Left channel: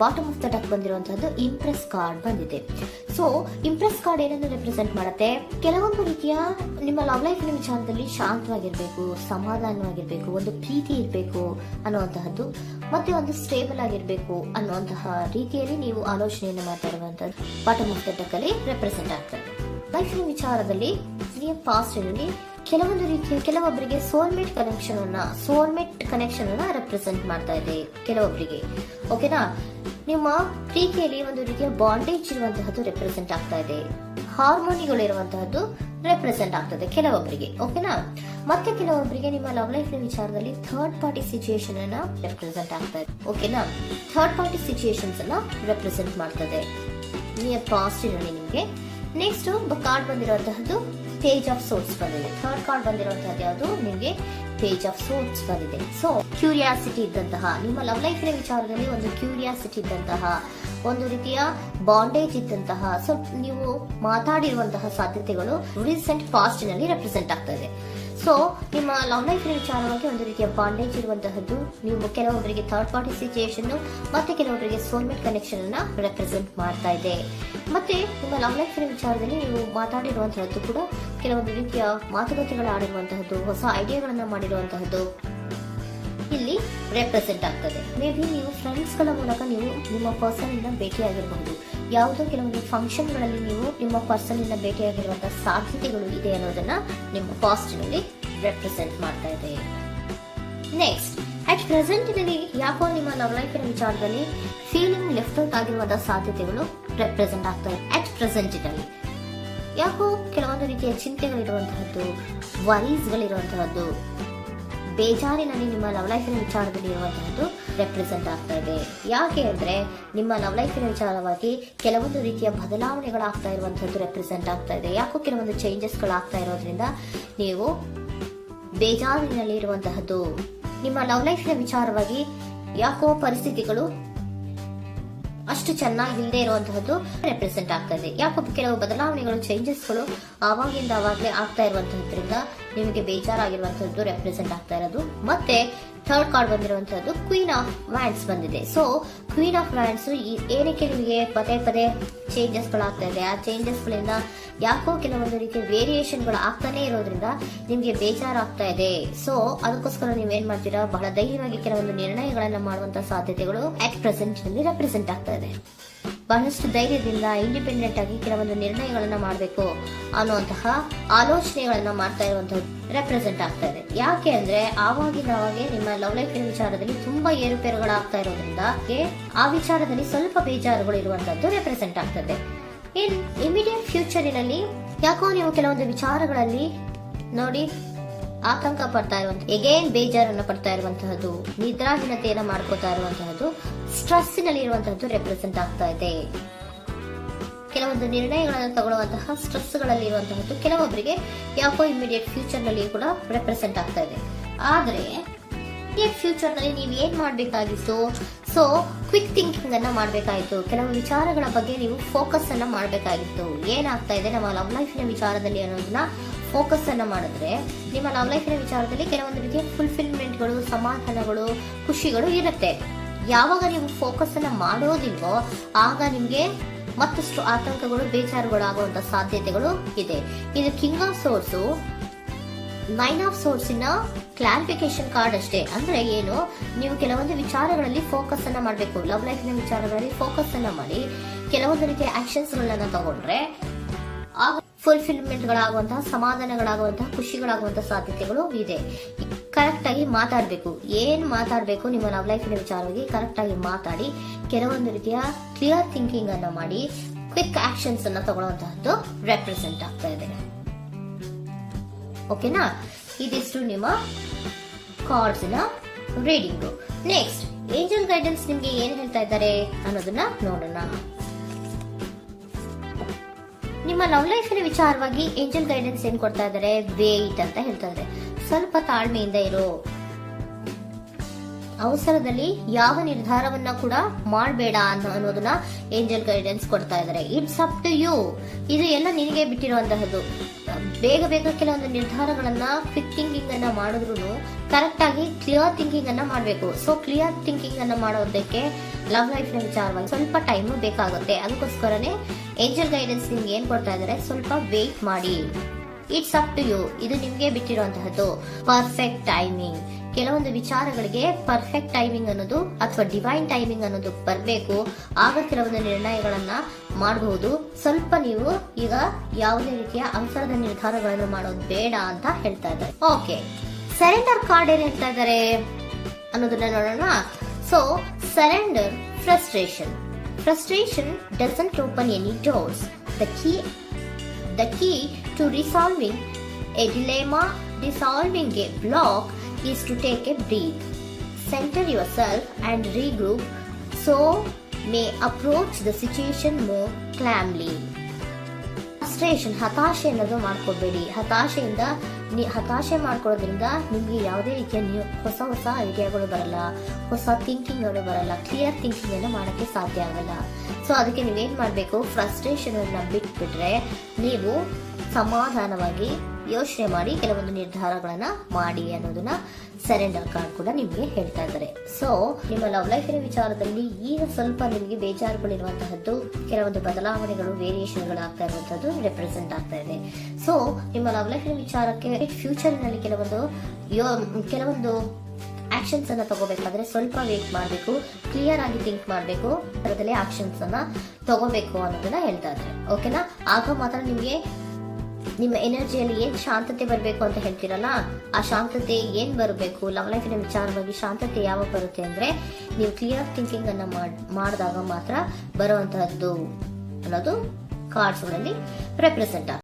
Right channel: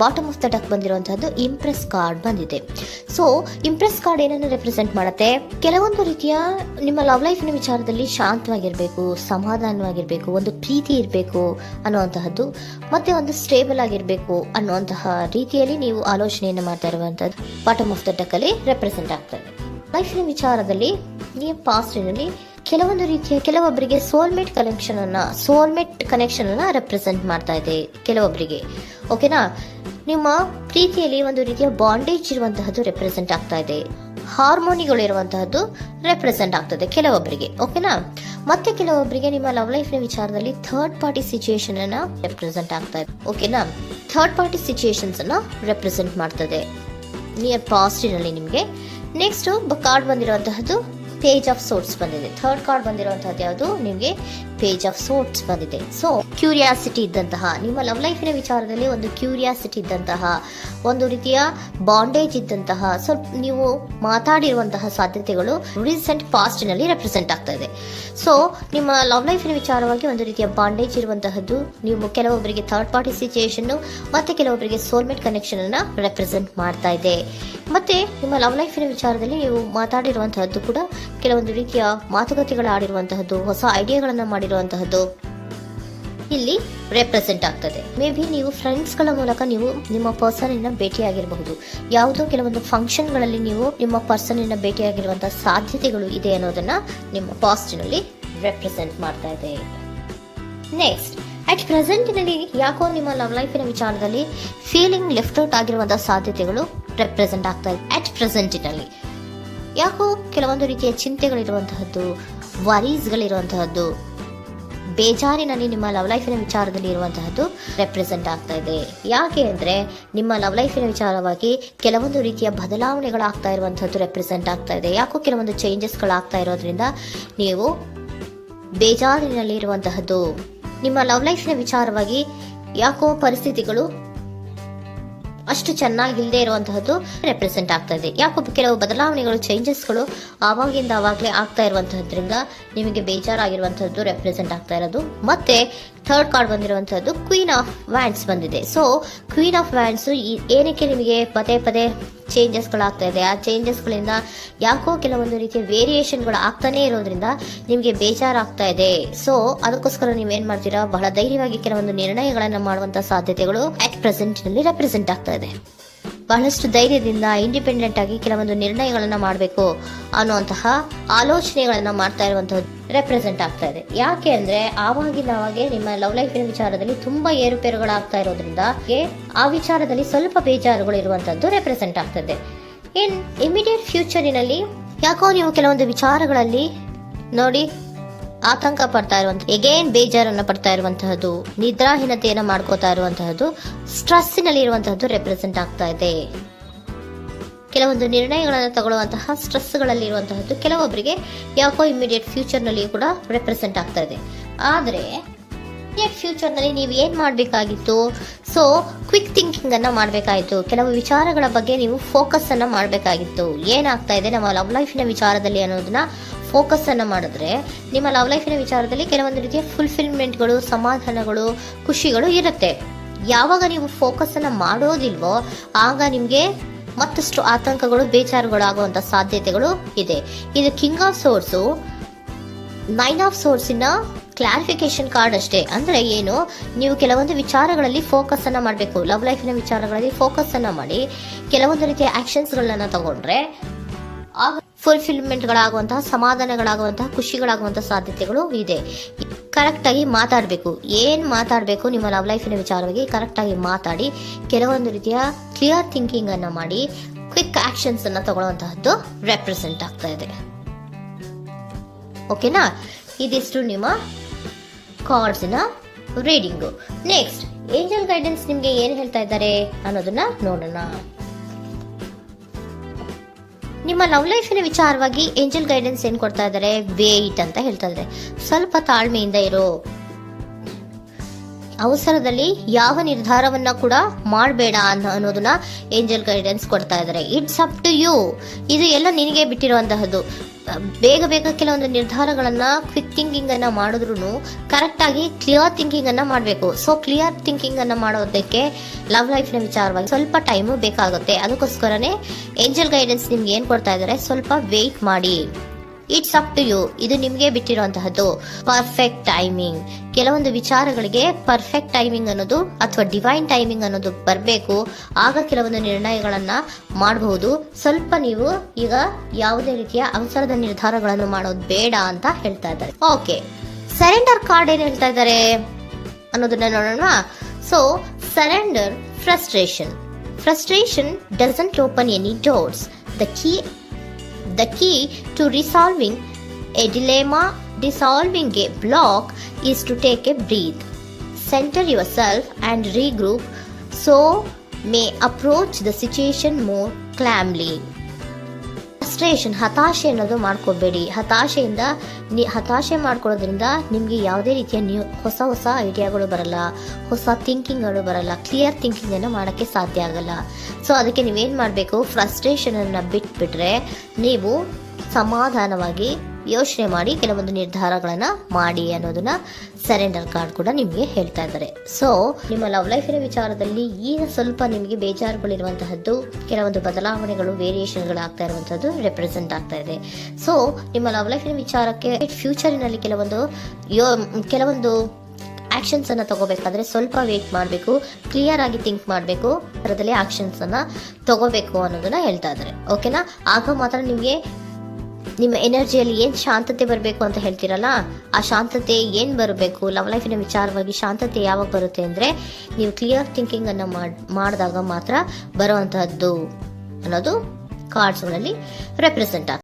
Bottom of the deck ಬಂದಿರುವಂತಹದ್ದು empress card ಬಂದಿದೆ. So empress card ಏನನ್ನು ರೆಪ್ರೆಸೆಂಟ್ ಮಾಡುತ್ತೆ? ಕೆಲವೊಂದು ರೀತಿಯ ನಿಮ್ಮ ಲವ್ ಲೈಫಿನ ವಿಚಾರದಲ್ಲಿ ಶಾಂತವಾಗಿರ್ಬೇಕು, ಸಮಾಧಾನವಾಗಿರ್ಬೇಕು, ಒಂದು ಪ್ರೀತಿ ಇರಬೇಕು ಅನ್ನುವಂತಹದ್ದು, ಮತ್ತೆ ಒಂದು ಸ್ಟೇಬಲ್ ಆಗಿರ್ಬೇಕು ಅನ್ನುವಂತಹ ರೀತಿಯಲ್ಲಿ ನೀವು ಆಲೋಚನೆಯನ್ನು ಮಾಡ್ತಾ ಇರುವಂತಹದ್ದು ಬಾಟಮ್ ಆಫ್ ದ ಡಕ್ ಅಲ್ಲಿ ರೆಪ್ರೆಸೆಂಟ್ ಆಗ್ತದೆ. ಲೈಫಿನ ವಿಚಾರದಲ್ಲಿ ನೀವು ಪಾಸ್ಟಿನಲ್ಲಿ ಕೆಲವೊಂದು ರೀತಿಯ ಕೆಲವೊಬ್ಬರಿಗೆ ಸೋಲ್ಮೇಟ್ ಕನೆಕ್ಷನ್ ಅನ್ನ ರೆಪ್ರೆಸೆಂಟ್ ಮಾಡ್ತಾ ಇದೆ ಕೆಲವೊಬ್ಬರಿಗೆ. ಓಕೆನಾ? ನಿಮ್ಮ ಪ್ರೀತಿಯಲ್ಲಿ ಒಂದು ರೀತಿಯ ಬಾಂಡೇಜ್ ಇರುವಂತಹದ್ದು ರೆಪ್ರೆಸೆಂಟ್ ಆಗ್ತಾ ಇದೆ. ಹಾರ್ಮೋನಿಗಳು ಇರುವಂತಹದ್ದು ರೆಪ್ರೆಸೆಂಟ್ ಆಗ್ತದೆ ಕೆಲವೊಬ್ಬರಿಗೆ. ಓಕೆನಾ? ಮತ್ತೆ ಕೆಲವೊಬ್ಬರಿಗೆ ನಿಮ್ಮ ಲವ್ ಲೈಫ್ ನ ವಿಚಾರದಲ್ಲಿ ಥರ್ಡ್ ಪಾರ್ಟಿ ಸಿಚುಯೇಷನ್ ಅನ್ನ ರೆಪ್ರೆಸೆಂಟ್ ಆಗ್ತಾ ಇದೆ. ಓಕೆನಾ? ಥರ್ಡ್ ಪಾರ್ಟಿ ಸಿಚುಯೇಷನ್ಸ್ ಅನ್ನ ರೆಪ್ರೆಸೆಂಟ್ ಮಾಡ್ತದೆ ನಿಯರ್ ಪಾಸ್ಟಿನಲ್ಲಿ ನಿಮಗೆ. ನೆಕ್ಸ್ಟ್ ಕಾರ್ಡ್ ಬಂದಿರುವಂತಹದ್ದು ಪೇಜ್ ಆಫ್ ಸೋರ್ಟ್ಸ್ ಬಂದಿದೆ. ಥರ್ಡ್ ಕಾರ್ಡ್ ಬಂದಿರುವಂತಹದ್ದು ಯಾವುದು? ನಿಮಗೆ ಪೇಜ್ ಆಫ್ ಸೋರ್ಟ್ಸ್ ಬಂದಿದೆ. ಸೊ ಕ್ಯೂರಿಯಾಸಿಟಿ ಇದ್ದಂತಹ, ನಿಮ್ಮ ಲವ್ ಲೈಫಿನ ವಿಚಾರದಲ್ಲಿ ಒಂದು ಕ್ಯೂರಿಯಾಸಿಟಿ ಇದ್ದಂತಹ, ಒಂದು ರೀತಿಯ ಬಾಂಡೇಜ್ ಇದ್ದಂತಹ, ಸ್ವಲ್ಪ ನೀವು ಮಾತಾಡಿರುವಂತಹ ಸಾಧ್ಯತೆಗಳು ರೀಸೆಂಟ್ ಪಾಸ್ಟ್ ನಲ್ಲಿ ರೆಪ್ರೆಸೆಂಟ್ ಆಗ್ತಾ ಇದೆ. ಸೊ ನಿಮ್ಮ ಲವ್ ಲೈಫಿನ ವಿಚಾರವಾಗಿ ಒಂದು ರೀತಿಯ ಬಾಂಡೇಜ್ ಇರುವಂತಹದ್ದು, ನೀವು ಕೆಲವೊಬ್ಬರಿಗೆ ಥರ್ಡ್ ಪಾರ್ಟಿ ಸಿಚುಯೇಷನ್ ಮತ್ತೆ ಕೆಲವೊಬ್ಬರಿಗೆ ಸೋಲ್ಮೇಟ್ ಕನೆಕ್ಷನ್ ಅನ್ನ ರೆಪ್ರೆಸೆಂಟ್ ಮಾಡ್ತಾ ಇದೆ. ಮತ್ತೆ ನಿಮ್ಮ ಲವ್ ಲೈಫಿನ ವಿಚಾರದಲ್ಲಿ ನೀವು ಮಾತಾಡಿರುವಂತಹದ್ದು ಕೂಡ ಕೆಲವೊಂದು ರೀತಿಯ ಮಾತುಕತೆಗಳು ಆಡಿರುವಂತಹದ್ದು, ಹೊಸ ಐಡಿಯಾಗಳನ್ನ ಮಾಡಿರುವಂತಹದ್ದು ಇಲ್ಲಿ ರೆಪ್ರೆಸೆಂಟ್ ಆಗ್ತದೆ. ಮೇ ಬಿ ನೀವು ಫ್ರೆಂಡ್ಸ್ಗಳ ಮೂಲಕ ನೀವು ನಿಮ್ಮ ಪರ್ಸನ್ ಅನ್ನ ಭೇಟಿಯಾಗಿರಬಹುದು. ಯಾವುದೋ ಕೆಲವೊಂದು ಫಂಕ್ಷನ್ ಗಳಲ್ಲಿ ನೀವು ನಿಮ್ಮ ಪರ್ಸನ್ ಅನ್ನ ಭೇಟಿಯಾಗಿರುವಂತಹ ಸಾಧ್ಯತೆಗಳು ಇದೆ ಅನ್ನೋದನ್ನ ನಿಮ್ಮ ಪಾಸ್ಟಿನಲ್ಲಿ ರೆಪ್ರೆಸೆಂಟ್ ಮಾಡ್ತಾ ಇದೆ. ನೆಕ್ಸ್ಟ್, ಅಟ್ ಪ್ರೆಸೆಂಟ್ ನಲ್ಲಿ ಯಾಕೋ ನಿಮ್ಮ ಲವ್ ಲೈಫಿನ ವಿಚಾರದಲ್ಲಿ ಫೀಲಿಂಗ್ ಲೆಫ್ಟ್ ಔಟ್ ಆಗಿರುವಂತಹ ಸಾಧ್ಯತೆಗಳು ರೆಪ್ರೆಸೆಂಟ್ ಆಗ್ತಾ ಇದೆ. ಅಟ್ ಪ್ರೆಸೆಂಟ್ ನಲ್ಲಿ ಯಾಕೋ ಕೆಲವೊಂದು ರೀತಿಯ ಚಿಂತೆಗಳಿರುವಂತಹದ್ದು, ವರೀಸ್ಗಳಿರುವಂತಹದ್ದು, ಬೇಜಾರಿನಲ್ಲಿ ನಿಮ್ಮ ಲವ್ ಲೈಫಿನ ವಿಚಾರದಲ್ಲಿ ಇರುವಂತಹದ್ದು ರೆಪ್ರೆಸೆಂಟ್ ಆಗ್ತಾ ಇದೆ. ಯಾಕೆ ಅಂದ್ರೆ ನಿಮ್ಮ ಲವ್ ಲೈಫಿನ ವಿಚಾರವಾಗಿ ಕೆಲವೊಂದು ರೀತಿಯ ಬದಲಾವಣೆಗಳಾಗ್ತಾ ಇರುವಂತಹದ್ದು ರೆಪ್ರೆಸೆಂಟ್ ಆಗ್ತಾ ಇದೆ. ಯಾಕೋ ಕೆಲವೊಂದು ಚೇಂಜಸ್ಗಳಾಗ್ತಾ ಇರೋದ್ರಿಂದ ನೀವು ಬೇಜಾರಿನಲ್ಲಿ ಇರುವಂತಹದ್ದು, ನಿಮ್ಮ ಲವ್ ಲೈಫಿನ ವಿಚಾರವಾಗಿ ಯಾಕೋ ಪರಿಸ್ಥಿತಿಗಳು ಅಷ್ಟು ಚೆನ್ನಾಗಿಲ್ಲದೆ ಇರುವಂತಹದ್ದು ರೆಪ್ರೆಸೆಂಟ್ ಆಗ್ತಾ ಇದೆ. ಯಾಕೋ ಕೆಲವು ಬದಲಾವಣೆಗಳು, ಚೇಂಜಸ್ಗಳು ಆವಾಗಿಂದ ಆವಾಗಲೇ ಆಗ್ತಾ ಇರುವಂತಹದ್ರಿಂದ ನಿಮಗೆ ಬೇಜಾರಾಗಿರುವಂತಹದ್ದು ರೆಪ್ರೆಸೆಂಟ್ ಆಗ್ತಾ ಇರೋದು. ಮತ್ತೆ ಥರ್ಡ್ ಕಾರ್ಡ್ ಬಂದಿರುವಂತಹದ್ದು ಕ್ವೀನ್ ಆಫ್ ವ್ಯಾಂಡ್ಸ್ ಬಂದಿದೆ. ಸೊ ಕ್ವೀನ್ ಆಫ್ ವ್ಯಾಂಡ್ಸ್ ಏನಕ್ಕೆ ನಿಮಗೆ ಪದೇ ಪದೇ ಚೇಂಜಸ್ಗಳಾಗ್ತಾ ಇದೆ? ಆ ಚೇಂಜಸ್ಗಳಿಂದ ಯಾಕೋ ಕೆಲವೊಂದು ರೀತಿಯ ವೇರಿಯೇಷನ್ಗಳು ಆಗ್ತಾನೆ ಇರೋದ್ರಿಂದ ನಿಮಗೆ ಬೇಜಾರಾಗ್ತಾ ಇದೆ. ಸೊ ಅದಕ್ಕೋಸ್ಕರ ನೀವೇನ್ ಮಾಡ್ತೀರಾ? ಬಹಳ ಧೈರ್ಯವಾಗಿ ಕೆಲವೊಂದು ನಿರ್ಣಯಗಳನ್ನ ಮಾಡುವಂತಹ ಸಾಧ್ಯತೆಗಳು ಅಟ್ ಪ್ರೆಸೆಂಟ್ ನಲ್ಲಿ ರೆಪ್ರೆಸೆಂಟ್ ಆಗ್ತಾ ಇದೆ. ಬಹಳಷ್ಟು ಧೈರ್ಯದಿಂದ ಇಂಡಿಪೆಂಡೆಂಟ್ ಆಗಿ ಕೆಲವೊಂದು ನಿರ್ಣಯಗಳನ್ನ ಮಾಡಬೇಕು ಅನ್ನುವಂತಹ ಆಲೋಚನೆಗಳನ್ನ ಮಾಡ್ತಾ ಇರುವಂತಹದ್ದು ರೆಪ್ರೆಸೆಂಟ್ ಆಗ್ತಾ ಇದೆ. ಯಾಕೆ ಅಂದ್ರೆ ಆವಾಗಿನವಾಗೆ ನಿಮ್ಮ ಲವ್ ಲೈಫಿನ ವಿಚಾರದಲ್ಲಿ ತುಂಬಾ ಏರುಪೇರುಗಳಾಗ್ತಾ ಇರೋದ್ರಿಂದ ಆ ವಿಚಾರದಲ್ಲಿ ಸ್ವಲ್ಪ ಬೇಜಾರುಗಳು ಇರುವಂತಹದ್ದು ರೆಪ್ರೆಸೆಂಟ್ ಆಗ್ತದೆ. ಇನ್ ಇಮಿಡಿಯೇಟ್ ಫ್ಯೂಚರಿನಲ್ಲಿ ಯಾಕೋ ನೀವು ಕೆಲವೊಂದು ವಿಚಾರಗಳಲ್ಲಿ ನೋಡಿ ಆತಂಕ ಪಡ್ತಾ ಇರುವಂತಹ, ಎಗೇನ್ ಬೇಜಾರನ್ನ ಪಡ್ತಾ ಇರುವಂತಹದ್ದು, ನಿದ್ರಾಹೀನತೆಯನ್ನ ಮಾಡ್ಕೋತಾ ಇರುವಂತಹದ್ದು, ಸ್ಟ್ರೆಸ್ಸಿನಲ್ಲಿ ಇರುವಂತಹದ್ದು ರೆಪ್ರೆಸೆಂಟ್ ಆಗ್ತಾ ಇದೆ. ಕೆಲವೊಂದು ನಿರ್ಣಯಗಳನ್ನು ತಗೊಳ್ಳುವಂತಹ ಸ್ಟ್ರೆಸ್ಗಳಲ್ಲಿ ಇರುವಂತಹದ್ದು ಕೆಲವೊಬ್ಬರಿಗೆ ಯಾಕೋ ಇಮಿಡಿಯೇಟ್ ಫ್ಯೂಚರ್ ನಲ್ಲಿ ಕೂಡ ರೆಪ್ರೆಸೆಂಟ್ ಆಗ್ತಾ ಇದೆ. ಆದ್ರೆ ಫ್ಯೂಚರ್ ನಲ್ಲಿ ನೀವು ಏನ್ ಮಾಡ್ಬೇಕಾಗಿತ್ತು? ಸೊ ಕ್ವಿಕ್ ಥಿಂಕಿಂಗ್ ಅನ್ನ ಮಾಡ್ಬೇಕಾಗಿತ್ತು. ಕೆಲವು ವಿಚಾರಗಳ ಬಗ್ಗೆ ನೀವು ಫೋಕಸ್ ಅನ್ನ ಮಾಡ್ಬೇಕಾಗಿತ್ತು. ಏನಾಗ್ತಾ ಇದೆ ನಮ್ಮ ಲವ್ ಲೈಫಿನ ವಿಚಾರದಲ್ಲಿ ಅನ್ನೋದನ್ನ ಫೋಕಸ್ ಅನ್ನ ಮಾಡಿದ್ರೆ ನಿಮ್ಮ ಲವ್ ಲೈಫಿನ ವಿಚಾರದಲ್ಲಿ ಕೆಲವೊಂದು ರೀತಿಯ ಫುಲ್ಫಿಲ್ಮೆಂಟ್ಗಳು, ಸಮಾಧಾನಗಳು, ಖುಷಿಗಳು ಇರುತ್ತೆ. ಯಾವಾಗ ನೀವು ಫೋಕಸ್ ಅನ್ನ ಮಾಡೋದಿಲ್ವೋ ಆಗ ನಿಮ್ಗೆ ಮತ್ತಷ್ಟು ಆತಂಕಗಳು, ಬೇಜಾರುಗಳು ಆಗುವಂತ ಸಾಧ್ಯತೆಗಳು ಇದೆ. ಇದು king of swords, nine of swords ಇನ್ನ ಕ್ಲಾರಿಫಿಕೇಶನ್ ಕಾರ್ಡ್ ಅಷ್ಟೇ. ಅಂದ್ರೆ ಏನು? ನೀವು ಕೆಲವೊಂದು ವಿಚಾರಗಳಲ್ಲಿ ಫೋಕಸ್ ಅನ್ನ ಮಾಡಬೇಕು. ಲವ್ ಲೈಫಿನ ವಿಚಾರಗಳಲ್ಲಿ ಫೋಕಸ್ ಅನ್ನ ಮಾಡಿ ಕೆಲವೊಂದು ರೀತಿಯ ಆಕ್ಷನ್ಸ್ ಗಳನ್ನ ತಗೊಂಡ್ರೆ ಫುಲ್ಫಿಲ್ಮೆಂಟ್ಗಳಾಗುವಂತಹ, ಸಮಾಧಾನಗಳಾಗುವಂತಹ, ಖುಷಿಗಳಾಗುವಂತಹ ಸಾಧ್ಯತೆಗಳು ಇದೆ. ಕರೆಕ್ಟ್ ಆಗಿ ಮಾತಾಡಬೇಕು. ಏನ್ ಮಾತಾಡಬೇಕು ನಿಮ್ಮ ಲವ್ ಲೈಫಿನ ವಿಚಾರವಾಗಿ ಕರೆಕ್ಟ್ ಆಗಿ ಮಾತಾಡಿ ಕೆಲವೊಂದು ರೀತಿಯ ಕ್ಲಿಯರ್ ಥಿಂಕಿಂಗ್ ಅನ್ನ ಮಾಡಿ ಕ್ವಿಕ್ ಆಕ್ಷನ್ಸ್ ಅನ್ನ ತಗೊಳ್ಳುವಂತಹದ್ದು ರೆಪ್ರೆಸೆಂಟ್ ಆಗ್ತಾ ಇದೆ. ಓಕೆನಾ? ಇದಿಷ್ಟು ನಿಮ್ಮ ಕಾರ್ಡ್ಸ್ನ ರೀಡಿಂಗು. ನೆಕ್ಸ್ಟ್, ಏಂಜಲ್ ಗೈಡೆನ್ಸ್ ನಿಮ್ಗೆ ಏನ್ ಹೇಳ್ತಾ ಇದ್ದಾರೆ ಅನ್ನೋದನ್ನ ನೋಡೋಣ. ನಿಮ್ಮ ಲವ್ ಲೈಫಿನ ವಿಚಾರವಾಗಿ ಏಂಜಲ್ ಗೈಡೆನ್ಸ್ ಏನ್ ಕೊಡ್ತಾ ಇದ್ದಾರೆ? ವೇಟ್ ಅಂತ ಹೇಳ್ತಾ ಇದ್ದಾರೆ. ಸ್ವಲ್ಪ ತಾಳ್ಮೆಯಿಂದ ಇರೋ. ಅವಸರದಲ್ಲಿ ಯಾವ ನಿರ್ಧಾರವನ್ನ ಕೂಡ ಮಾಡಬೇಡ ಅನ್ನೋದನ್ನ ಏಂಜಲ್ ಗೈಡೆನ್ಸ್ ಕೊಡ್ತಾ ಇದ್ದಾರೆ. It's up to you. ಇದು ಎಲ್ಲ ನಿನಗೆ ಬಿಟ್ಟಿರುವಂತಹದ್ದು. ಬೇಗ ಬೇಗ ಕೆಲವೊಂದು ನಿರ್ಧಾರಗಳನ್ನ ಕ್ವಿಕ್ ಥಿಂಕಿಂಗ್ ಅನ್ನ ಮಾಡಿದ್ರು ಕರೆಕ್ಟ್ ಆಗಿ ಕ್ಲಿಯರ್ ಥಿಂಕಿಂಗ್ ಅನ್ನ ಮಾಡಬೇಕು. ಸೊ ಕ್ಲಿಯರ್ ಥಿಂಕಿಂಗ್ ಅನ್ನ ಮಾಡೋದಕ್ಕೆ ಲವ್ ಲೈಫ್ ನ ವಿಚಾರವಾಗಿ ಸ್ವಲ್ಪ ಟೈಮು ಬೇಕಾಗುತ್ತೆ. ಅದಕ್ಕೋಸ್ಕರನೇ ಏಂಜಲ್ ಗೈಡೆನ್ಸ್ ನಿಮ್ಗೆ ಏನ್ ಕೊಡ್ತಾ ಇದ್ದಾರೆ, ಸ್ವಲ್ಪ ವೇಟ್ ಮಾಡಿ. It's up to you. ಇದು ನಿಮ್ಗೆ ಬಿಟ್ಟಿರುವಂತಹದ್ದು. Perfect timing. ಕೆಲವೊಂದು ವಿಚಾರಗಳಿಗೆ ಪರ್ಫೆಕ್ಟ್ ಟೈಮಿಂಗ್ ಅನ್ನೋದು ಅಥವಾ ಡಿವೈನ್ ಟೈಮಿಂಗ್ ಅನ್ನೋದು ಬರಬೇಕು. ಆಗ ಕೆಲವೊಂದು ನಿರ್ಣಯಗಳನ್ನ ಮಾಡಬಹುದು. ಸ್ವಲ್ಪ ನೀವು ಈಗ ಯಾವುದೇ ರೀತಿಯ ಅವಸರದ ನಿರ್ಧಾರಗಳನ್ನು ಮಾಡೋದು ಬೇಡ ಅಂತ ಹೇಳ್ತಾ ಇದ್ದಾರೆ. ಓಕೆ, ಸರೆಂಡರ್ ಕಾರ್ಡ್ ಏನ್ ಹೇಳ್ತಾ ಇದ್ದಾರೆ ಅನ್ನೋದನ್ನ ನೋಡೋಣ. So surrender frustration doesn't open any doors. The key to resolving a dilemma, dissolving a block, is to take a breath, center yourself and regroup, so may approach the situation more calmly. Frustration, ಹತಾಶೆ ಅನ್ನೋದು ಮಾಡ್ಕೋಬೇಡಿ. ಹತಾಶೆ ಮಾಡ್ಕೊಳ್ಳೋದ್ರಿಂದ ನಿಮ್ಗೆ ಯಾವುದೇ ರೀತಿಯ ಹೊಸ ಐಡಿಯಾಗಳು ಬರಲ್ಲ, ಹೊಸ ಥಿಂಕಿಂಗ್ಗಳು ಬರಲ್ಲ, ಕ್ಲಿಯರ್ ಥಿಂಕಿಂಗ್ ಅನ್ನು ಮಾಡಕ್ಕೆ ಸಾಧ್ಯ ಆಗಲ್ಲ. ಸೊ ಅದಕ್ಕೆ ನೀವೇನ್ ಮಾಡ್ಬೇಕು, ಫ್ರಸ್ಟ್ರೇಷನ್ ಅನ್ನ ಬಿಟ್ಬಿಟ್ರೆ ನೀವು ಸಮಾಧಾನವಾಗಿ ಯೋಚನೆ ಮಾಡಿ ಕೆಲವೊಂದು ನಿರ್ಧಾರಗಳನ್ನ ಮಾಡಿ ಅನ್ನೋದನ್ನ ಸರೆಂಡರ್ ಕಾರ್ಡ್ ಕೂಡ ನಿಮ್ಗೆ ಹೇಳ್ತಾ ಇದ್ದಾರೆ. ಸೊ ನಿಮ್ಮ ಲವ್ ಲೈಫಿನ ವಿಚಾರದಲ್ಲಿ ಈಗ ಸ್ವಲ್ಪ ನಿಮಗೆ ಬೇಜಾರುಗಳಿರುವಂತಹದ್ದು, ಕೆಲವೊಂದು ಬದಲಾವಣೆಗಳು, ವೇರಿಯೇಷನ್ಗಳು ಆಗ್ತಾ ಇರುವಂತದ್ದು ರೆಪ್ರೆಸೆಂಟ್ ಆಗ್ತಾ ಇದೆ. ಸೊ ನಿಮ್ಮ ಲವ್ ಲೈಫಿನ ವಿಚಾರಕ್ಕೆ ಫ್ಯೂಚರಿನಲ್ಲಿ ಕೆಲವೊಂದು ಆಕ್ಷನ್ಸ್ ಅನ್ನ ತಗೋಬೇಕಾದ್ರೆ ಸ್ವಲ್ಪ ವೇಟ್ ಮಾಡಬೇಕು, ಕ್ಲಿಯರ್ ಆಗಿ ಥಿಂಕ್ ಮಾಡಬೇಕು, ಅದರಲ್ಲಿ ಆಕ್ಷನ್ಸ್ ಅನ್ನ ತಗೋಬೇಕು ಅನ್ನೋದನ್ನ ಹೇಳ್ತಾ ಇದ್ದಾರೆ. ಓಕೆನಾ? ಆಗ ಮಾತ್ರ ನಿಮ್ಗೆ ನಿಮ್ಮ ಎನರ್ಜಿಯಲ್ಲಿ ಏನ್ ಶಾಂತತೆ ಬರಬೇಕು ಅಂತ ಹೇಳ್ತೀರಲ್ಲ, ಆ ಶಾಂತತೆ ಏನ್ ಬರಬೇಕು, ಲವ್ ಲೈಫಿನ ವಿಚಾರವಾಗಿ ಶಾಂತತೆ ಯಾವಾಗ ಬರುತ್ತೆ ಅಂದ್ರೆ ನೀವು ಕ್ಲಿಯರ್ ಥಿಂಕಿಂಗ್ ಅನ್ನ ಮಾಡಿದಾಗ ಮಾತ್ರ ಬರುವಂತಹದ್ದು ಅನ್ನೋದು ಕಾರ್ಡ್ಸ್ ನಲ್ಲಿ ರೆಪ್ರೆಸೆಂಟ್ ಆಗ್ತದೆ.